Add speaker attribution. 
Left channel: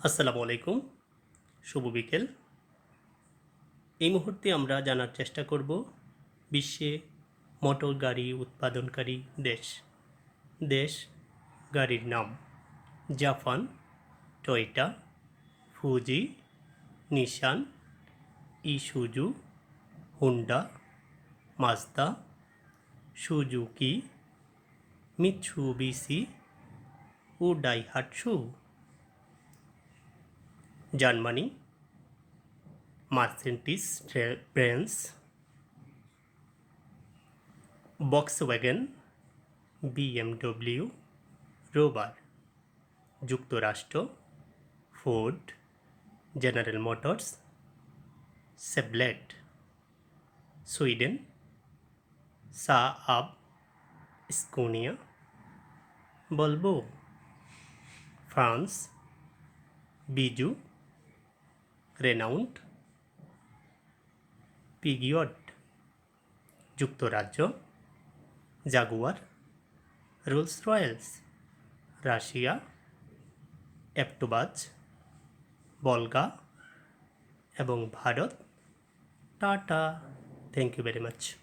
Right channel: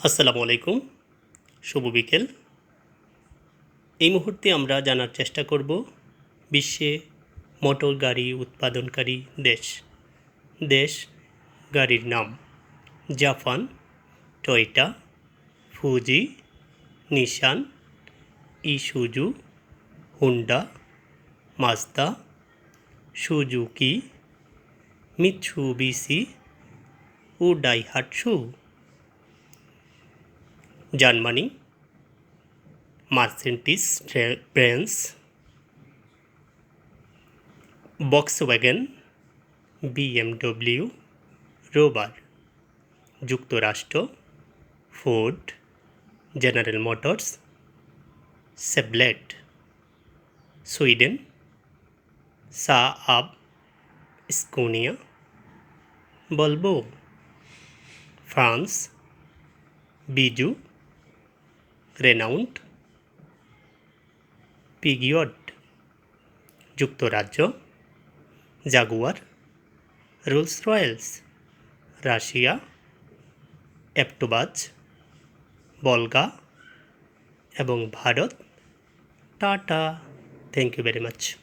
Speaker 1: আসসালামু আলাইকুম, শুভ বিকেল। এই মুহূর্তে আমরা জানার চেষ্টা করব বিশ্বে মোটর গাড়ি উৎপাদনকারী দেশ। দেশ গাড়ির নাম Japan, Toyota, Fuji, Nissan, Isuzu, Honda Mazda Suzuki Mitsubishi ও Daihatsu Germany, Mercedes Benz Volkswagen BMW, রোবার, যুক্তরাষ্ট্র, Ford, General Motors Chevrolet Sweden Saab Scania, বলব, ফ্রান্স, বিজু রেনাউন্ট পিগিওড যুক্তরাজ্য Jaguar Rolls Royce Russia AvtoVAZ Volga এবং Bharat, Tata. Thank you very much